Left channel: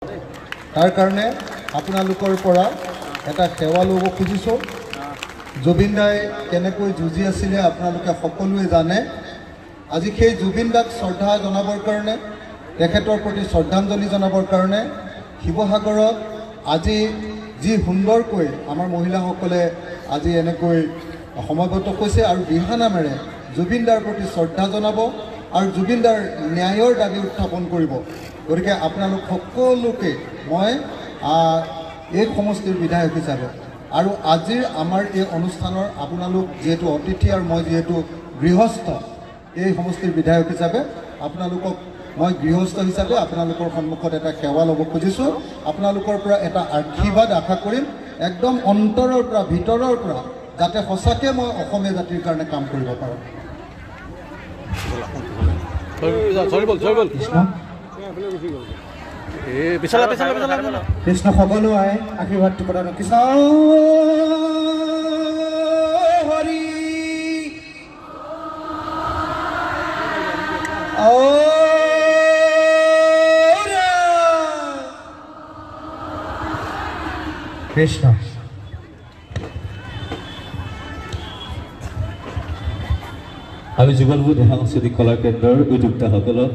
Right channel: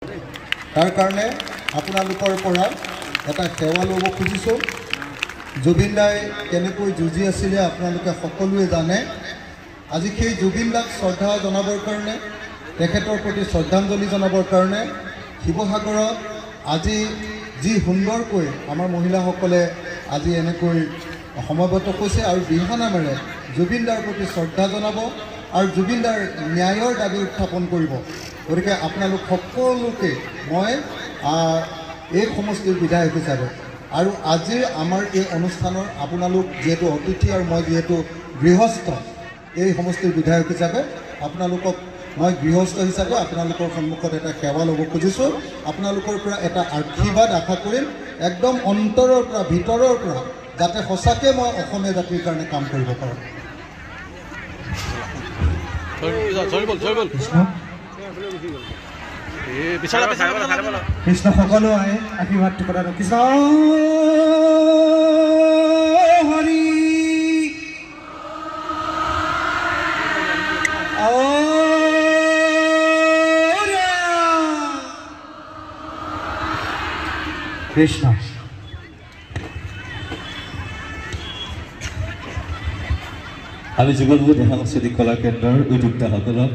তাৰ কাৰণে আপোনালোকৰ পৰা এটা সেৱা ল'ব খুজিছোঁ। জুবিন দাই কেনেকৈ যুঁজি আছিলে আপোনালোকে সকলোৱে জানে। আজি সেই জুবিন দাক শ্ৰদ্ধা জনাবৰ কাৰণে, তেখেতৰ প্ৰতি শ্ৰদ্ধাঞ্জলি জনাবৰ কাৰণে শিৱসাগৰত আজি যি সুন্দৰকৈ আমাৰ মহিলাসকলে আজি এনেকৈ সমবেত হৈছে আৰু বিহানামেৰে জুবিন দাৰ প্ৰতি শ্ৰদ্ধা জনাব আৰু জুবিন দাৰ ন্যায়ৰ দাবী উত্থাপন কৰিব। গতিকে আপোনালোক সকলোকে মই এই সমষ্টিৰ বিধায়ক হিচাপে আৰু আজিৰ আমাৰ এই অনুষ্ঠানৰ আপোনালোক যিহেতু অতিথি আৰু মই যিহেতু গৃহস্থ এই সমষ্টিৰ বিধায়ক হিচাপে আপোনালোকক মই গৃহস্থ হিচাপে আপোনালোকৰ সন্মুখত এটা সেৱা ল'ব খুজিছোঁ। আপোনালোকৰ পৰা এটা আশীৰ্বাদ আশা কৰিম, একদম অন্তৰৰ পৰা ভিতৰৰ পৰা, যাতে সঁচাকৈ মই অসমীয়া জাতিৰ কাৰণে কাম কৰিব পাৰোঁ। কৃষ্ণ সকলো আহে আশীৰ্বাদ কৃষ্ণ হৰি কৃষ্ণ। আমি যুগলপুৰ সাংস্কৃতিক কলা কেন্দ্ৰৰ উদ্যোক্তাসকলক